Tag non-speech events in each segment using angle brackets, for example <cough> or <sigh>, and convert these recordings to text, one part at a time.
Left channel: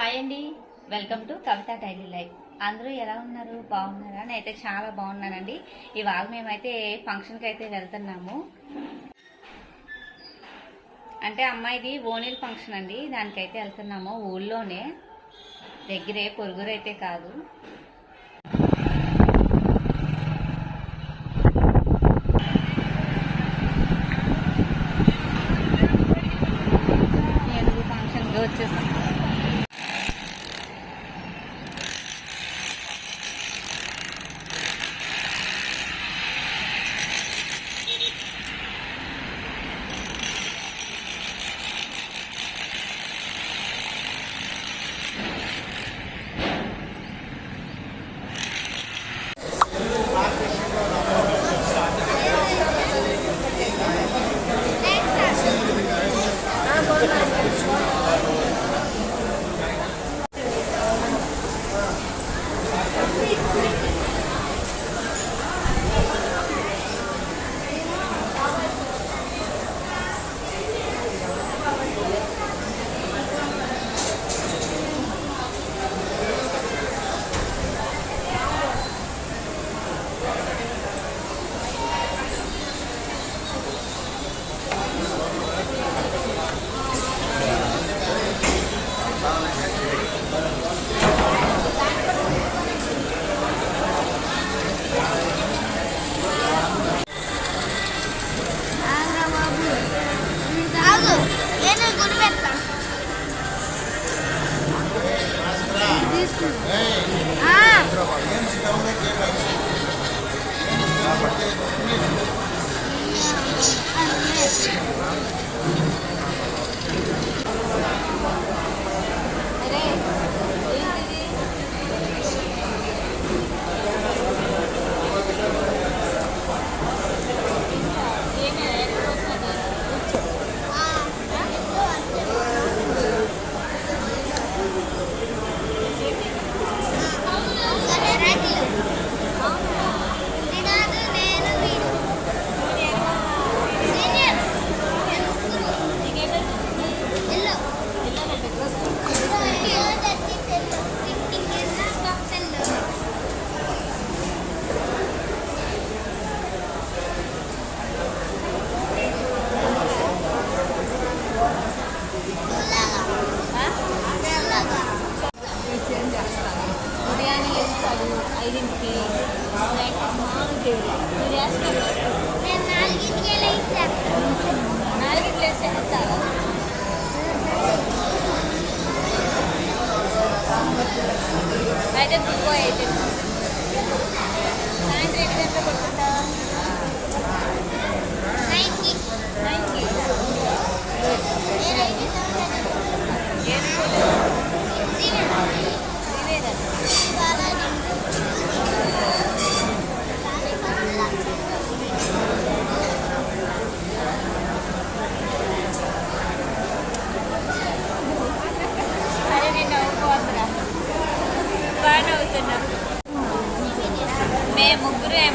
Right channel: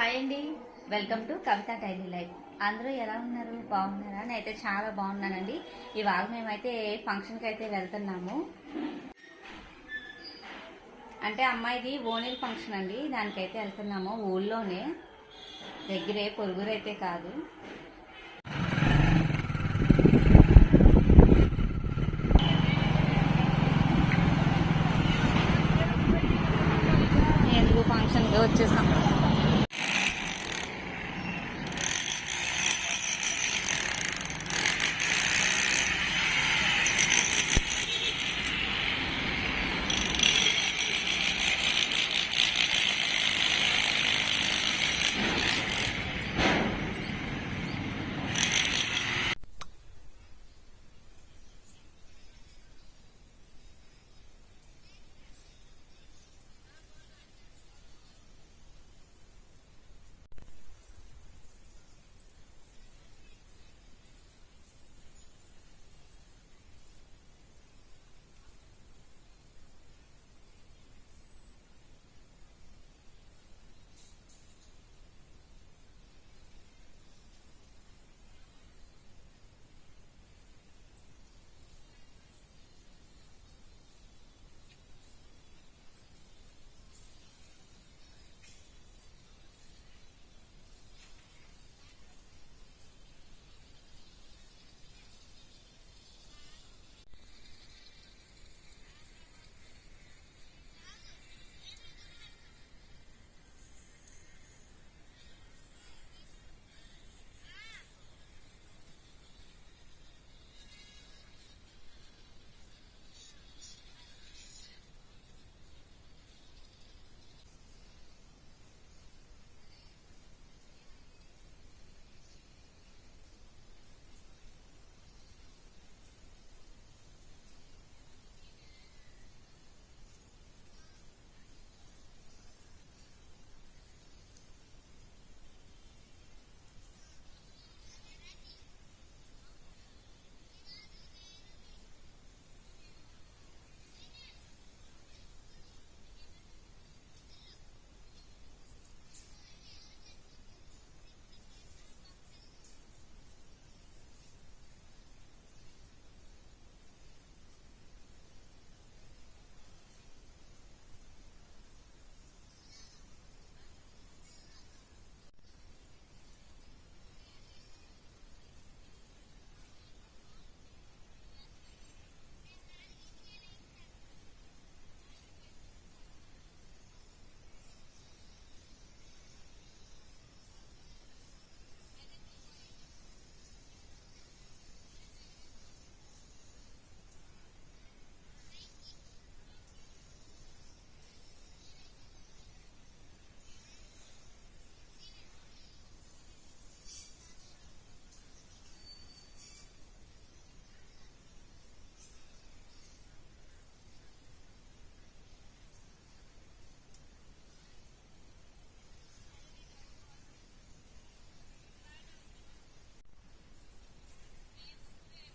Hi అండి. Welcome to Kavitha daily life. అందరూ ఎలా ఉన్నారు? బాగున్నారా? నేనైతే చాలా బాగున్నానండి. ఇవాళ మేమైతే ఫంక్షన్కి అయితే వెళ్తున్నాము. అంటే అమ్మాయిది ఓనిల్ ఫంక్షన్ అండి. దానికైతే వెళ్తున్నాము ఊళ్ళోనే. దగ్గరే పొరుగురైతే కాదు. ఎందుకు వచ్చేసాం. Hey.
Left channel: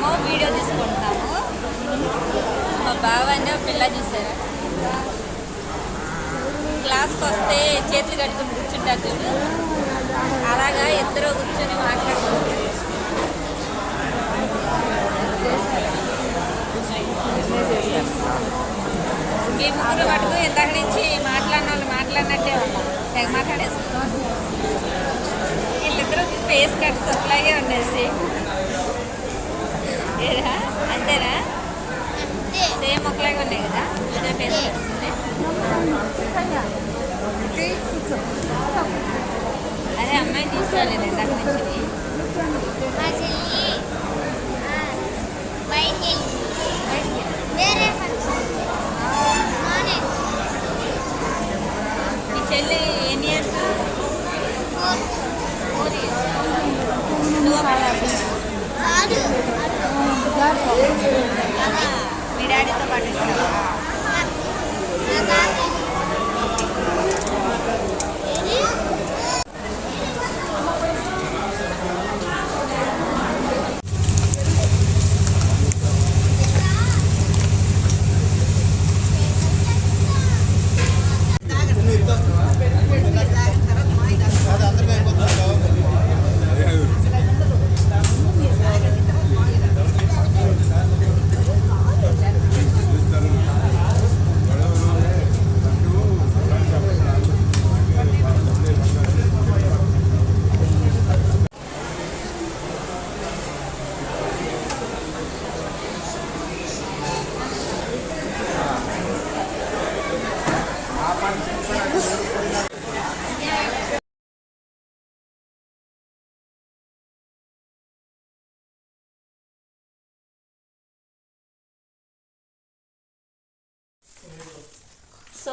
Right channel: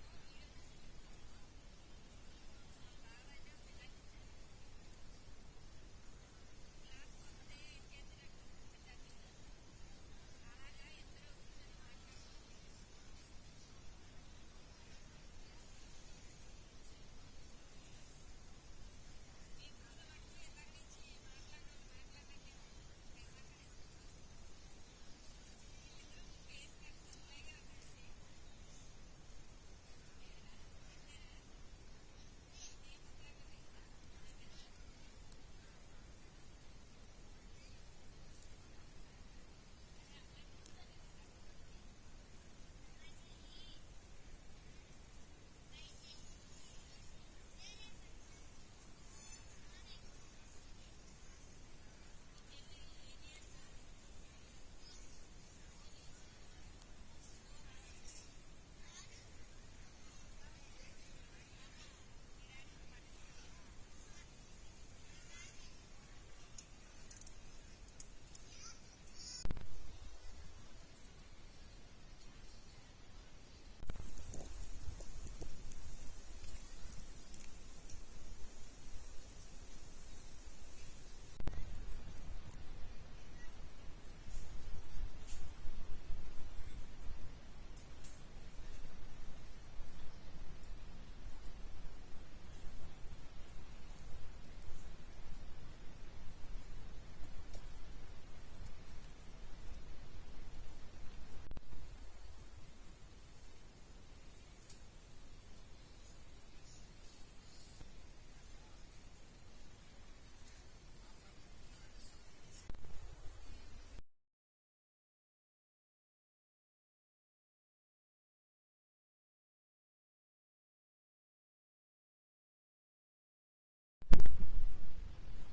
మేము వీడియో తీసుకుంటాము. మా బావ అన్న పిల్ల చూసారు క్లాస్కి వస్తే చేతులు కట్టుకుని కూర్చుంటారు చూడు. అలాగా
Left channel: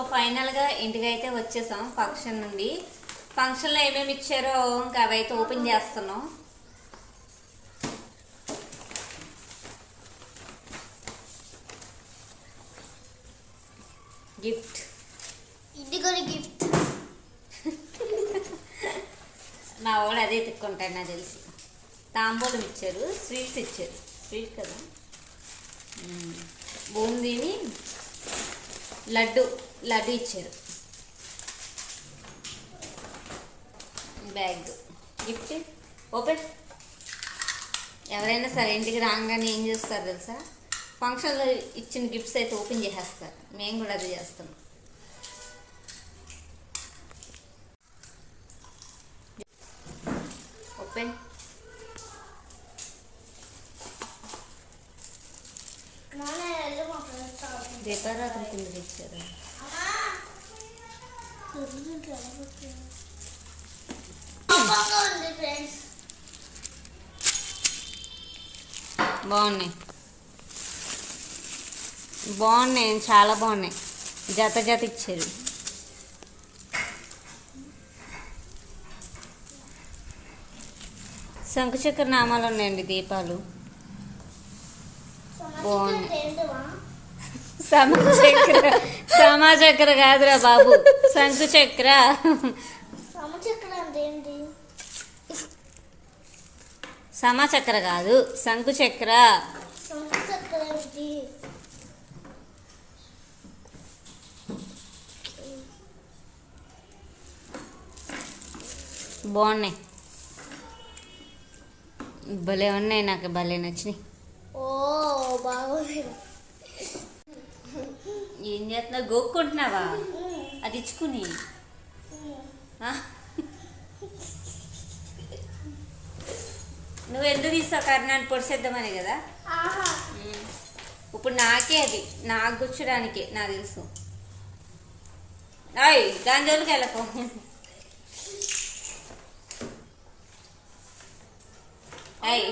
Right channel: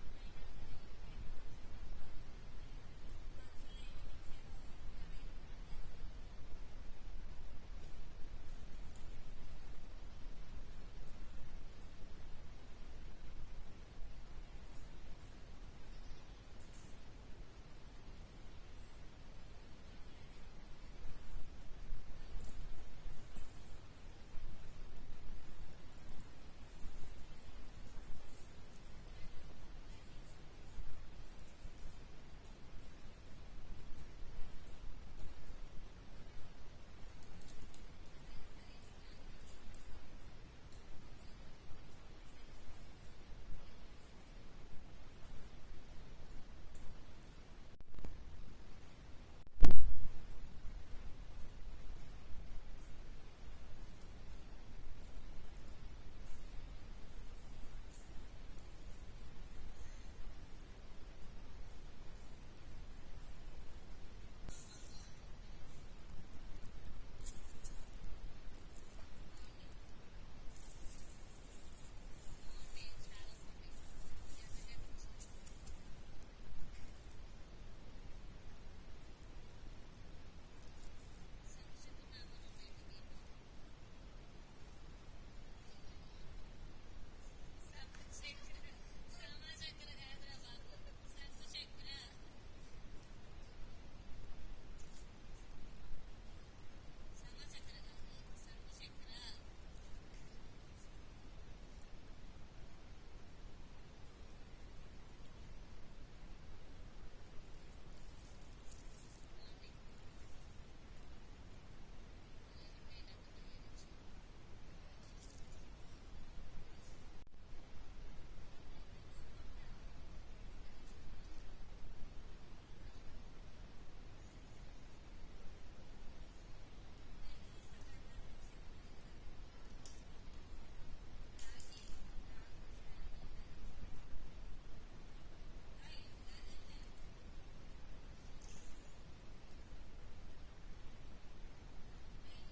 ఫైనల్గా ఇంటికి అయితే వచ్చేసాం ఫంక్షన్ నుండి. ఫంక్షన్లో ఏమేమి ఇచ్చారో ఇంకా అవైతే ఓపెన్ చేస్తున్నాం. గిఫ్ట్. ఇది కూడా గిఫ్ట్. <laughs> మా వాడు అదే తిక్కుంటాడు నాకు తెలిసి. తాంబూలం ఇచ్చారు స్వీట్స్ ఇచ్చారు. స్వీట్ కదా. బూందీని లడ్డు. లడ్డు ఇచ్చారు బ్యాగ్ గిఫ్ట్ ఓపెన్ ఎవరైనా సరే ఇంటికి రాగానే ఏం చేస్తారు తెలుసా? ఫంక్షన్లో ఇచ్చిన గిఫ్ట్స్ అయితే ఓపెన్ చేసేస్తారు. మేము కూడా అది చేస్తాం ఓపెన్ నాన్న వెళ్ళు మా ఫ్రెండ్స్తో. దీపారాత్రి కింద ఇచ్చారు పాపంగా ఉంది ఫ్రెండ్స్ బాగున్నాయి. బాగున్నాయి చాలా బాగున్నాయి. జత జత ఇచ్చారు. శంకుచక్ర నామాలు ఉన్నాయండి దీపాలు. బాగుంది. సమాచక్ర సమాచక్ర కాదురా బాబు. శంకుచక్ర. సమచక్రం కాదు శంకుచక్ర. బాగున్నాయి. భలే ఉన్నాయి నాకు భలే నచ్చినాయి. ఓ బాగుంది ఏం చేస్తున్నావు గోక్కుంటున్నావా? అది ఇచ్చుకుని? నువ్వు ఎందుకు తీస్తావు కర్ణాన్ని పొడిసేద్దామని కదా. ఇప్పుడు నాకే అది. నాకు గుచ్చడానికే నాకు తెలుసు. అయ్ దాని జోలికి వెళ్ళకు. అయ్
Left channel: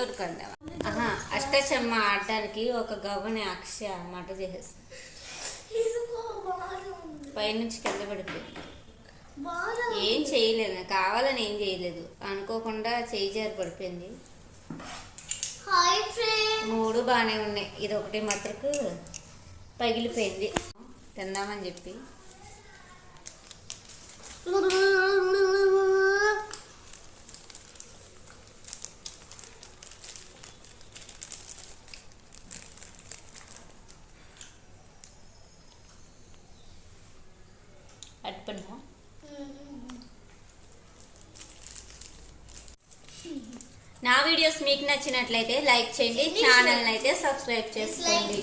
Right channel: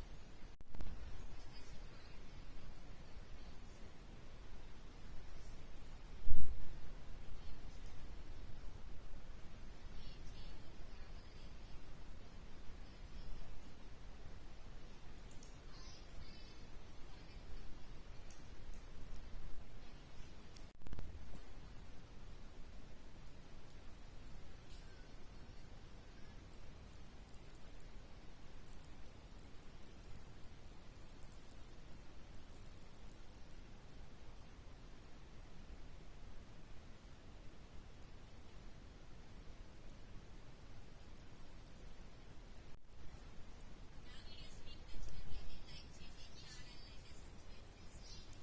ఊరుకుందాం <laughs> ఆహా. అష్టచమ్మ ఆడడానికి ఒక గవ్వని అక్ష మట చేసేసి ఇదిగో బాగుంది పైనుంచి కింద పడిపోయింది. ఏం చేయలేదు. కావాలని ఏం చేయలేదు. అనుకోకుండా చేయి జారి పడిపోయింది. మూడు బాగానే ఉన్నాయి. ఇది ఒకటి మాత్రకు పగిలిపోయింది. తిందామని చెప్పి. <laughs> అట్టుకున్నా నా వీడియోస్ మీకు నచ్చినట్లయితే లైక్ చేయండి. ఛానల్ అయితే సబ్స్క్రైబ్ చేసుకోండి.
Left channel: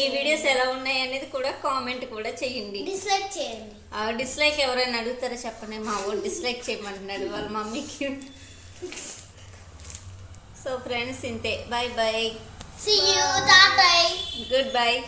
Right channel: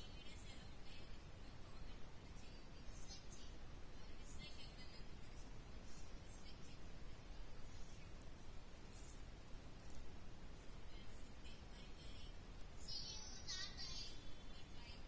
ఈ వీడియోస్ ఎలా ఉన్నాయి అనేది కూడా కామెంట్ కూడా చేయండి. డిస్లైక్ చేయండి. ఆ డిస్లైక్ ఎవరైనా అడుగుతారో చెప్పండి. మా ఊరు డిస్లైక్ చేయమంటున్నాడు వాళ్ళ మమ్మీకి. సో ఫ్రెండ్స్ ఇంతే. Bye bye. Good bye